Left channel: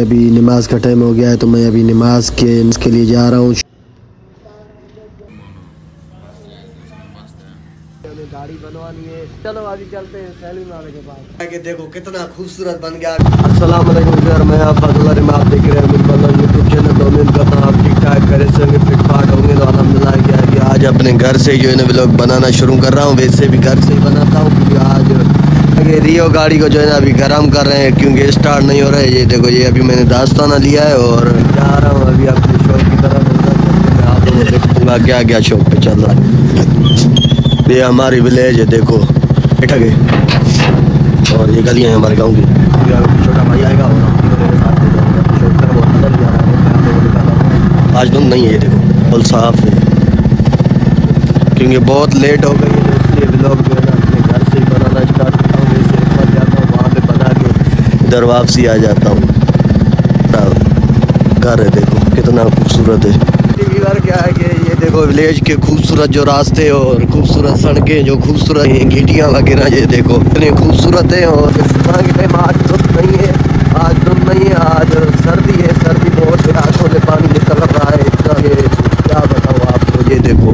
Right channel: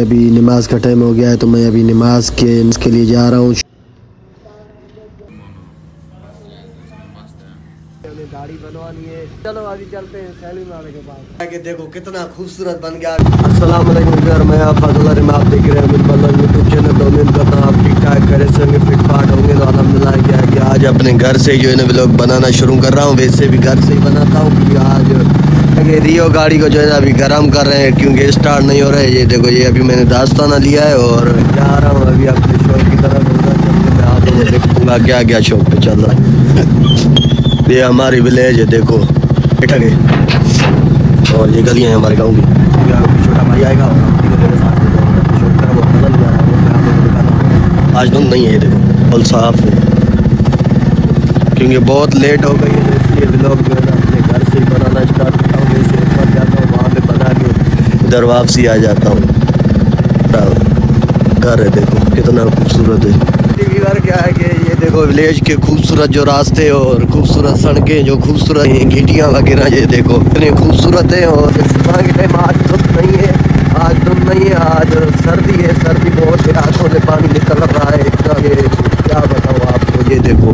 अभी नमाज का टाइम हो गया है तो मैं अभी नमाज के लिए जा रहा हूँ। गाड़ी बनवानी है, चलो अभी चलते हैं सैलिम वाले के पास। कि देखो कितना खूबसूरत बन गया। अस्सलाम वालेकुम सर, मैं आप फजल में आप देख रहे हैं बिल्कुल यूट्यूब चैनल। तो उम्मीद करता हूँ आप ठीक ठाक करे होंगे, फिट फाट होंगे। तो अल्हम्दुलिल्लाह क्या है कि आज अपने घर से जो है ना व्लॉग बनाना शुरू कर रहा हूँ। वैसे भी घर से ही बनाता हूँ क्योंकि आज ये रियो गाड़ी को जो है ना अभी गर्म कर रहे हैं क्योंकि स्टार्ट नहीं हो रहा है। ये देखो ये अभी मैंने दास्ताना लिया है और जा रहा हूँ अभी अपने शॉप की तरफ। आप लोगों को देखूंगा क्या क्या शॉप पे चल रहा है। ये हमारी विलेज है, देखो बैठक है और ये गलियाँ हैं हमारे गाँव की। छोटा भाई आएगा आज धुंध नहीं है, देखो फुल साफ है क्योंकि बहुत लेट हो गए हैं इसलिए व्लॉग जो है ना अपने घर से ही बनाना स्टार्ट करता हूँ। जैसे ऊपर जाता हूँ वहाँ पे बना के इधर वापसी आ जाता हूँ। घर है देखो कितना खूबसूरत है। घर क्या है कि ये देखो विलेज के खूबसूरत जो रास्ते और खूबसूरत सड़कें जो खूबसूरत गिटियाँ वगैरह ये देखो इतनी खूबसूरत है। और आज धूप नहीं है, आज धूप नहीं है, आज सर्दी है। सर्दी बहुत है, आंखों से पानी निकल रहा है क्या बताऊँ आपको। ये देखो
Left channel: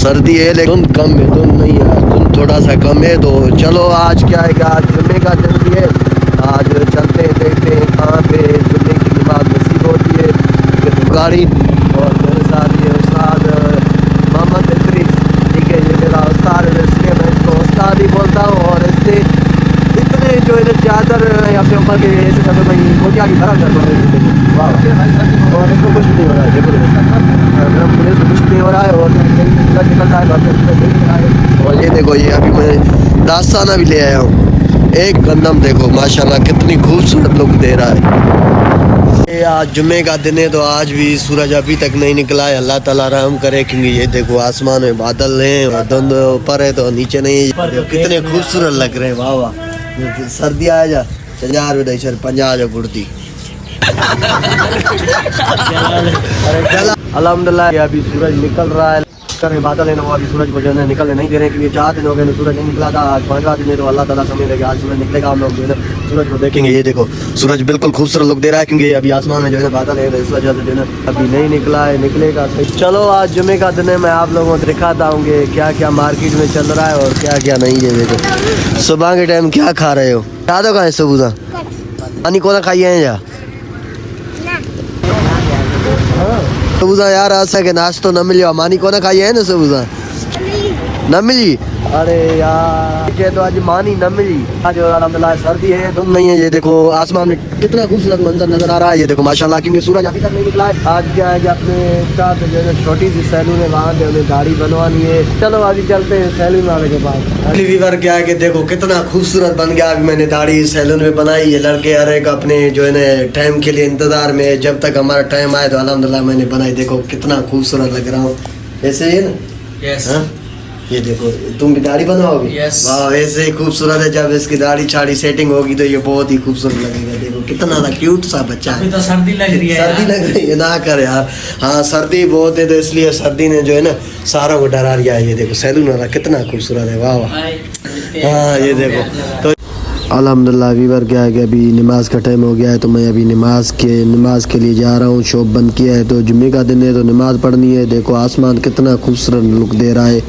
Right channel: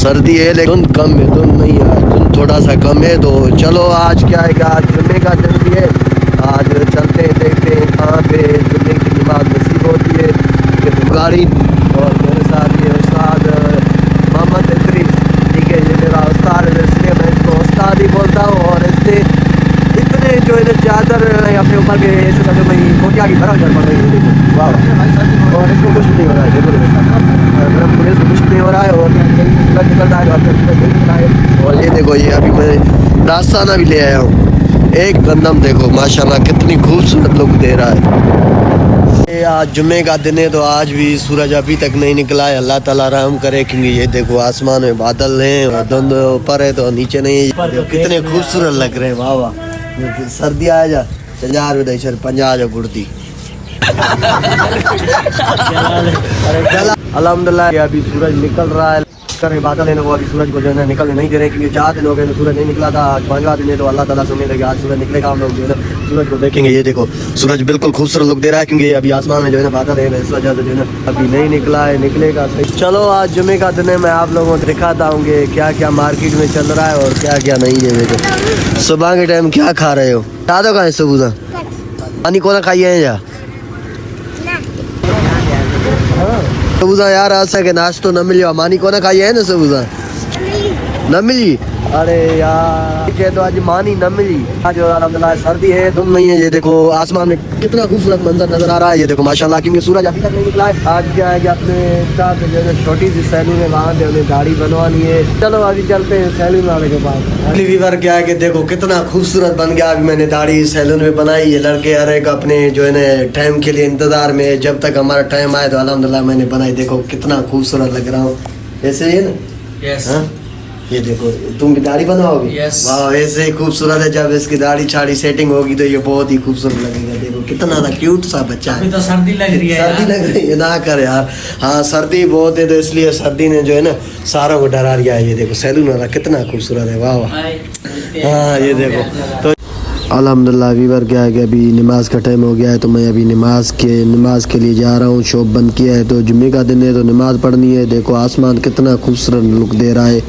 सर्दी है लेकिन कम है, धुंध नहीं है, धुंध थोड़ा सा कम है। तो चलो आज क्या है आज जुम्मे का दिन है, आज चलते हैं देखते हैं कहाँ पे जुम्मे की नमाज नसीब होती है। गाड़ी चादर अपने ऊपर भी कोटिया की तरह और इसको कुछ नहीं हो रहा है। पुलिस कुछ नहीं हो रहा है और ये देखो ये अभी मैं दास्ताना भी ले आया हूँ। एक गंदम देखो माशाल्लाह कितनी खूबसूरत लुक दे रहा है। ये आज जुम्मे का दिन है तो आज भी सूरज अभी तक नहीं निकला है। अल्लाह ताला रहम करे क्योंकि ये देखो आसमान में बादल हैं और धुंध ऊपर है तो नीचे नहीं। कितने खूबसूरत लग रहे हैं, वाह वाह। सर्दी आ जा हजार रुपये सर 50 गुड़ती। अल्हम्दुलिल्लाह अभी सूरज निकल रहा है, बादल है अभी सूरज को जो है निकलने नहीं दे रहे क्योंकि 4 दिन हो गए सूरज नहीं निकला था। आज 15 दिन है तो अल्लाह ताला से उम्मीद है कि आज सूरज निकलेगा। हम लोग जो है ना सूरज को देखेंगे। ये देखो सूरज बिल्कुल खूबसूरत लुक दे रहा है क्योंकि अभी आसमान में जो है बादल है इस वजह से जो है अभी नहीं निकला है, निकलेगा। चलो आज जुम्मे का दिन है, मैं आप लोगों को दिखाता हूँ कि क्या क्या मार्केट में चल रहा है और क्या क्या नहीं है। देखो सुबह के टाइम क्या खा रहे हो, याद होगा सुबह पानी को खाइए या सबूजा यार आज के नाश्तो न मिलियो मानी को ना खाई है ना सबूजा न मिली। अरे यार तो आज मानी न मिली। आज अल्हम्दुलिल्लाह सर्दी है, धूप नहीं है। ये देखो आसमान में कितना खूबसूरत मंजर नजर आ रहा है। ये देखो माशाल्लाह कि सूरज अभी तक नहीं निकला है। आज क्या है कि अपने साथ जो है छोटी सी सैलून है वहाँ पे हमें गाड़ी बनवानी है। चलो अभी चलते हैं सैलून वाले के पास। अगली वीवर क्या है कि देखो कितना खूबसूरत बन गया। मैंने दाढ़ी सैलून में बनाई। ये लड़के हर एक अपने जो है ना टाइम के लिए इंतजार में, जब तक हमारा टाइम आए तो अल्हम्दुलिल्लाह मैंने बनाई। देखो कितना खूबसूरत लग रहा हूँ, ऐसे ही है ना। यस ये देखो तुम भी दाढ़ी बनाओगे। वाह ऐसे ही खूबसूरत है। जब इसकी दाढ़ी छाड़ी सेटिंग होगी तो ये बहुत ही खूबसूरत लगेगा। देखो कितना क्यूट सा बच्चा है। तो सर्दी लग रही है, सर्दी लग रही है ना कर यार। हाँ सर्दी बहुत है तो इसलिए सर्दी ने जो है ना सारा को डरा दिया है। ये देखो सैलून वाला कितना खूबसूरत है, वाह वाह। हाँ ये देखो तो अल्हम्दुलिल्लाह वीवर क्या है कि अभी नमाज का टाइम हो गया है तो मैं अभी नमाज के लिए जा रहा हूँ। शॉप बंद किया है तो जुम्मे का दिन है तो नमाज पढ़नी है। देखो आसमान कितना खूबसूरत लुक दे रहा है।